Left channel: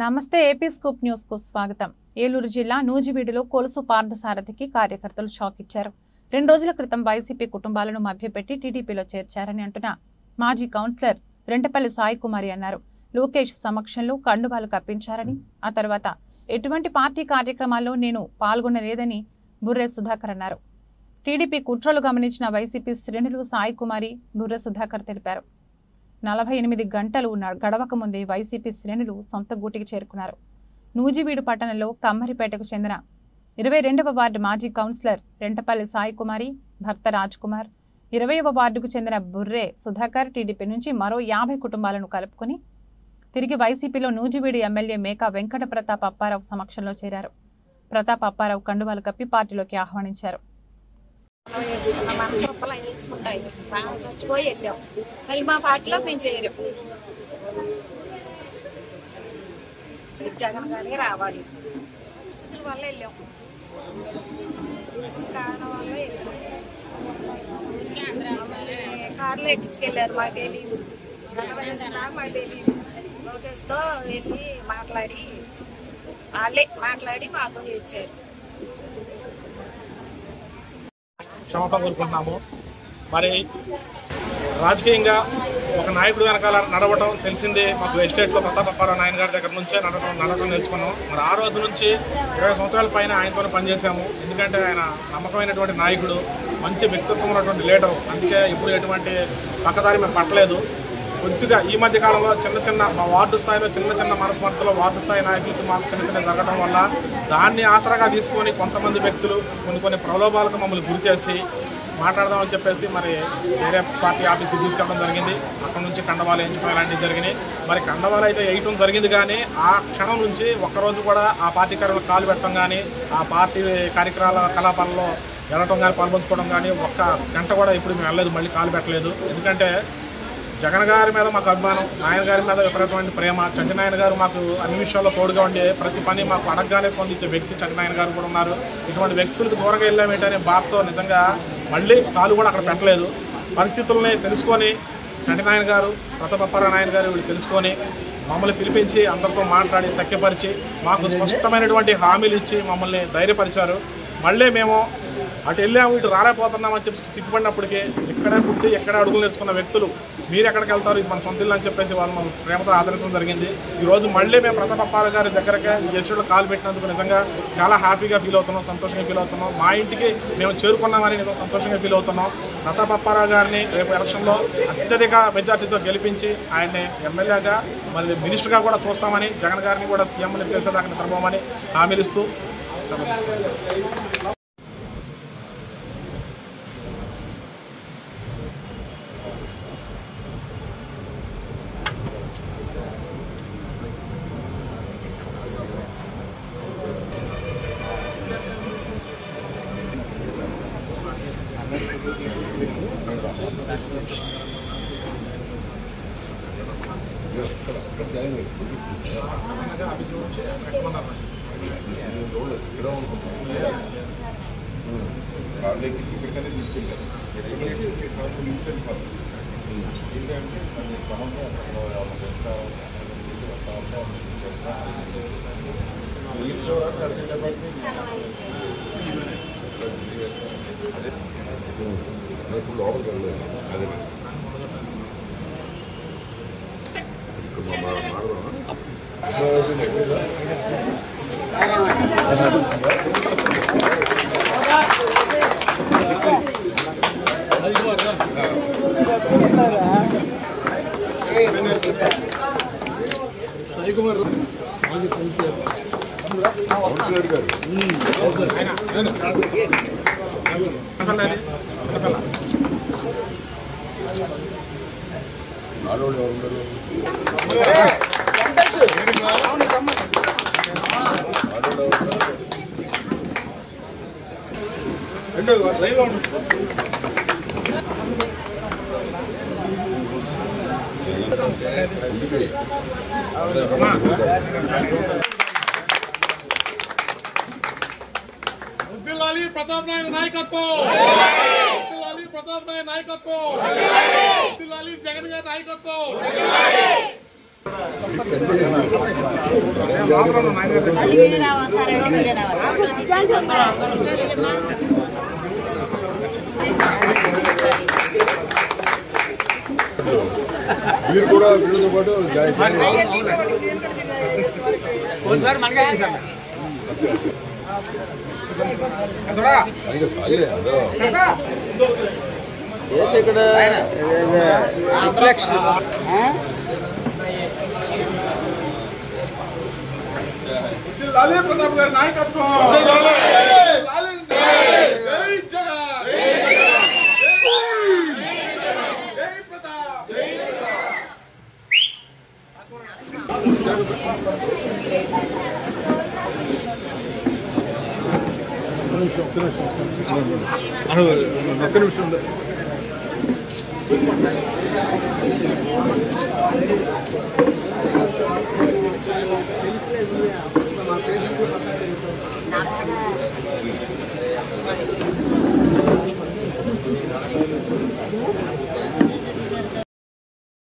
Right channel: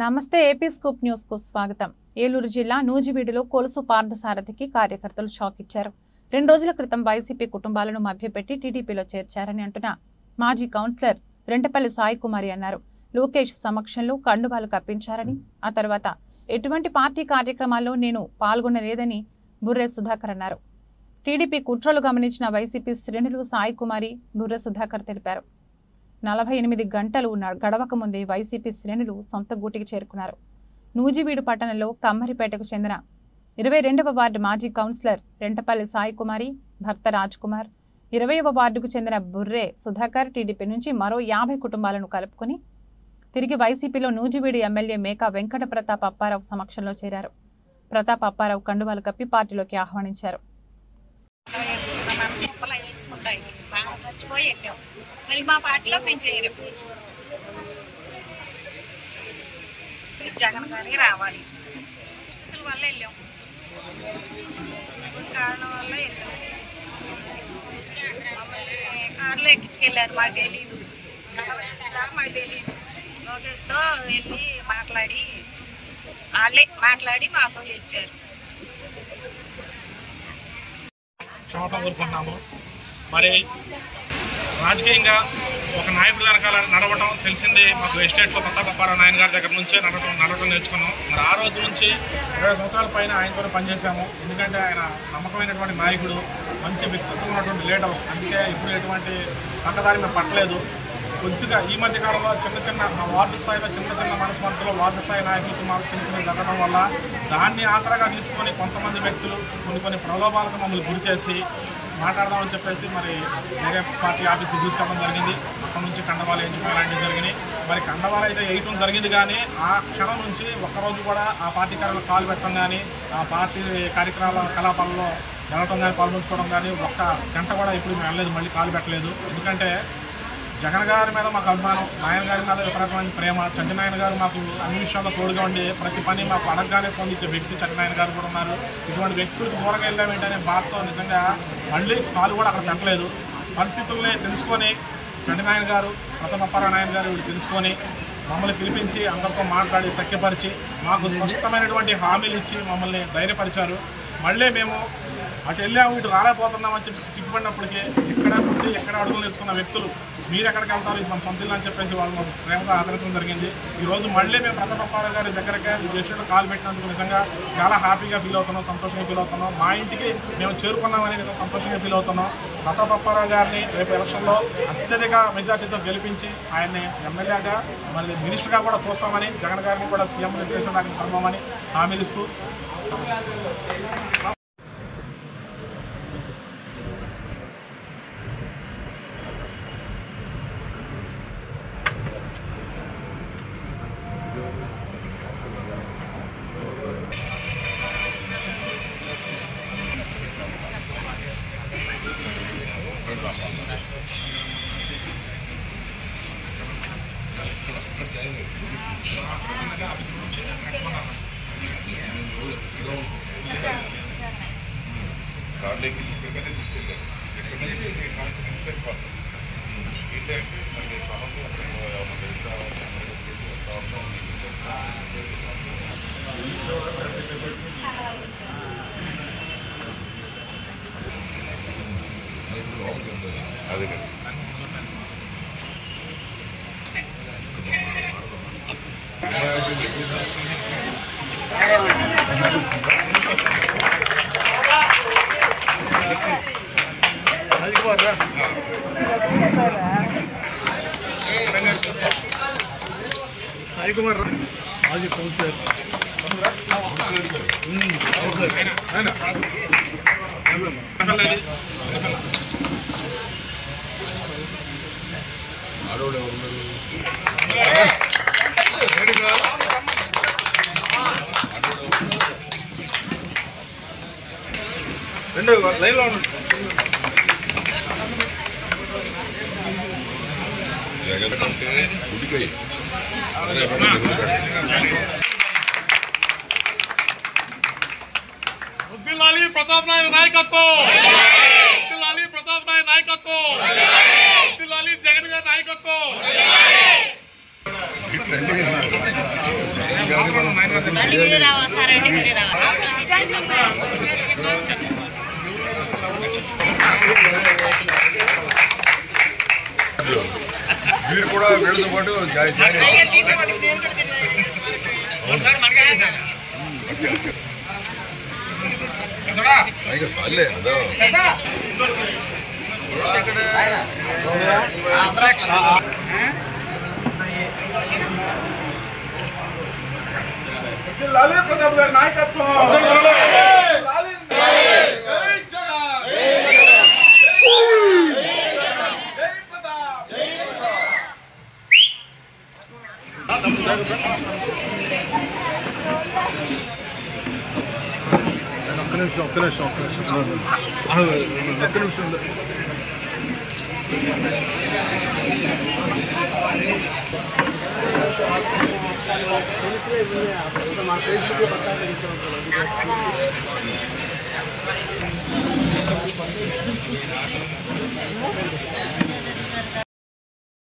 నమస్తే AP scoop news కు స్వాగతం। ఏలూరు జిల్లా నూజివీడులో కొలుసు పార్థసారథికి కార్యకర్తలు షాక్ ఇచ్చారు। 2 రోజుల క్రితం వైసీపీ కుటుంబాలను మభ్యపెట్టి టీడీపీలో చేర్చారని అంటున్న మాజీ కౌన్సిలర్ రెంటపల్లి సాయి కుమారి అన్నారు। లోకేష్ సమక్షంలో కండువాలు కప్పించారని, ఆ తర్వాత ఎటువంటి పార్టీ కార్యక్రమాల్లో నేను పాల్గొనలేదని బుర్రె సుధాకర్ అన్నారు। టీడీపీ కుట్రలు గమనించిన వైసీపీ శ్రేణులు సాయి కుమారి, బుర్రె సుధాకర్ తెలిపారు। 48 గంటలు గడవక ముందే వైసీపీ శ్రేణులు సొంత గూటికి చేరుకున్నారు। నూజివీడు పట్టణంలో కమ్మరిపేటకు చెందిన 22వ వార్డు మాజీ కౌన్సిలర్ రెంటపల్లి సాయి కుమారి భర్త రాజ్ కుమార్, 20వ వార్డుకు చెందిన బుర్రె సుధాకర్ టీడీపీ నుంచి మరో 50 కుటుంబాలను కలుపుకొని తిరిగి వైసీపీలో నూజివీడు ఎమ్మెల్యే మేకా వెంకట ప్రతాప్ అప్పారావు సమక్షంలో చేరారు। ప్రతాప్ అప్పారావు కండువాలు కప్పి పార్టీలోకి ఆహ్వానించారు। మనసొప్పలా నేర్చుకుంటాయి బాగా చచ్చిపోయి వెళ్ళాం, మళ్ళీ మా పార్టీలో మేము చేయలేం। జగన్ గారికి రావాలి, పరిస్థితుల వల్ల వెళ్ళాం, కారణం వల్ల వెళ్ళాం। మమ్మల్ని కారులో ఎక్కించుకెళ్ళారు, మాకు తెలీదు, గడవ వేసినా మాకు తెలీదు। లోకేష్తో వెళ్ళి మాట్లాడి మాతో ఇచ్చారు। క్షమాపణ కోరుకుంటున్నాము। మరి రాజకీయంగా ఒక నాయకుడు వెనకాల నడవటం తెలిసిందే మాకు। ఎస్టేట్లో ప్రతాప్ అప్పారావు నాయన గారి దగ్గర నుంచే నడవటం నేర్చుకున్నాం। మరి ఆ రోజు నుంచి 20 సంవత్సరాల పైన ఆయనతోనే పనిచేశాము। ఎందుకంటే ఆయన నమ్మకమైనటువంటి నాయకుడు, మంచి వ్యక్తిత్వం ఉన్నటువంటి లీడరు। అందుకే ఇప్పుడు ఎటువంటి పక్కదారి మేము పట్టలేదు। కొద్దిగా ఈ మధ్య కాలంలో చిన్న మా వార్డు స్థాయిలో చిన్న మనస్పర్ధలు వార్డు స్థాయి నాయకులతో మాకు చిన్న జరగడం వల్ల దాన్ని ఆసరాగా తీసుకొని కొంతమంది వ్యక్తులు కొన్ని ప్రలోభాలకు మమ్మల్ని గురి చేసి మాట్లాడదామని చెప్పేసి మరి వేరే పార్టీ ఆఫీస్కి తీసుకెళ్ళడం జరిగింది। అక్కడ నుంచి కండవాలు వేయించడం ఇలాంటివి జరిగినాయి। మరి కండవాలు అయితే వేయటం జరిగింది, కానీ ఆ క్షణం నుంచి ఒక్కరోజు కూడా ఆ పార్టీ కార్యాలయంలో కాలు పెట్టడం కానీ, ఆ పార్టీ కలాపాలలో వెళ్ళటం కానీ, పాల్పంచుకోవడం కానీ ఒక్క గంట కూడా ఇప్పుడు మేము వెళ్ళలేదు, మళ్ళీ కాలు పెట్టలేదు। ఎందుకంటే జగన్ గారి మీద మాకు అభిమానం, నాయన గారి మీద విపరీతమైన ప్రేమ। చంటినాయన గారు మాకు అన్ని విషయాల్లో తోడుగా ఉండే, ప్రతి పని మాకు అడగగానే స్పందించే వ్యక్తి చంటినాయన గారు కూడా ఉన్నారు। ఇటువంటి వ్యక్తులకు దూరంగా వెళ్ళామేంటనే బాధతో నిజంగా మళ్ళీ కాలు కూడా అక్కడ పెట్టలేదు। పరిస్థితుల్ని తెలుసుకొని చంటినాయన గారు, ప్రతాప్ అప్పారావు నాయన గారు వీళ్ళు తెలుసుకొని మమ్మల్ని పిలిపించి అందరితో మాట్లాడి సఖ్యపరిచి మాకు స్పష్టమైనటువంటి హామీలు ఇచ్చి మమ్మల్ని ధైర్యపరిచారు। మళ్ళీ మేము అటు వెళ్ళాము, ఇటు రాలేకపోతున్నామని చెప్పి చిక్కుపడినప్పటికీ ఇక్కడే పుట్టి ఎక్కడ అడుగులు నేర్చుకున్న వ్యక్తులు మీరు ఎక్కడికి వెళ్తారు, ఇది మన సొంత ఇల్లు అని చెప్పేసి వాళ్ళు మనం ప్రేమతో ఆదరించడం జరిగింది। ఈరోజు మళ్ళీ మేము ప్రతాప్ అప్పారావు గారి దగ్గరకే ఈ ఎస్టేట్లో కాలు పెట్టినందుకు నిజంగా చాలా హ్యాపీగా ఫీల్ అవుతున్నాం, సంతోషంగా ఫీల్ అవుతున్నాం। మా ఇంటికి మేము చేరుకున్నామని నిజంగా సంతోషంగా ఫీల్ అవుతున్నాం। ప్రతాప్ అప్పారావు గారిని రేపు ఎలక్షన్లో అత్యధిక మెజార్టీతో గెలిపించి ఆయన్ని ఎమ్మెల్యేగా మరి మినిస్టర్గా కూడా చూస్తామని, జగన్ గారిని కూడా సీఎంని చేసేదాకా నిద్రపోమని హామీలు ఇస్తూ సెలవు తీసుకుంటాం। కార్లు ఎక్కించి ఇక్కడికనే తీసుకెళ్ళారు, ఎక్కడ నుంచి కార్లు వెళ్ళిపోతారు ఏంటంటే మళ్ళీ పనుంటే అక్కడ మా ఫ్రెండ్స్ రావాలి, అమెరికన్ చేసి వస్తా మీకు చెప్తా అదే ఇప్పుడు లోపలికి వెళ్ళలేదు। అదే సాయి కుమార్ మాజీ కౌన్సిలర్ గారు ఆడవాళ్ళు ఎవరున్నారు? లైన్లో జగన్ ఉడికాయి ప్రతాప్ నాయన నాయకత్వం, ప్రతాప్ నాయన నాయకత్వం, జగన్ గారి నాయకత్వం। మీరు కూడా వీళ్ళతో పాటు జాయిన్ చాలే అదో లాలూ ప్రతాప్ గారి నాయకత్వం ఒక్క నిమిషం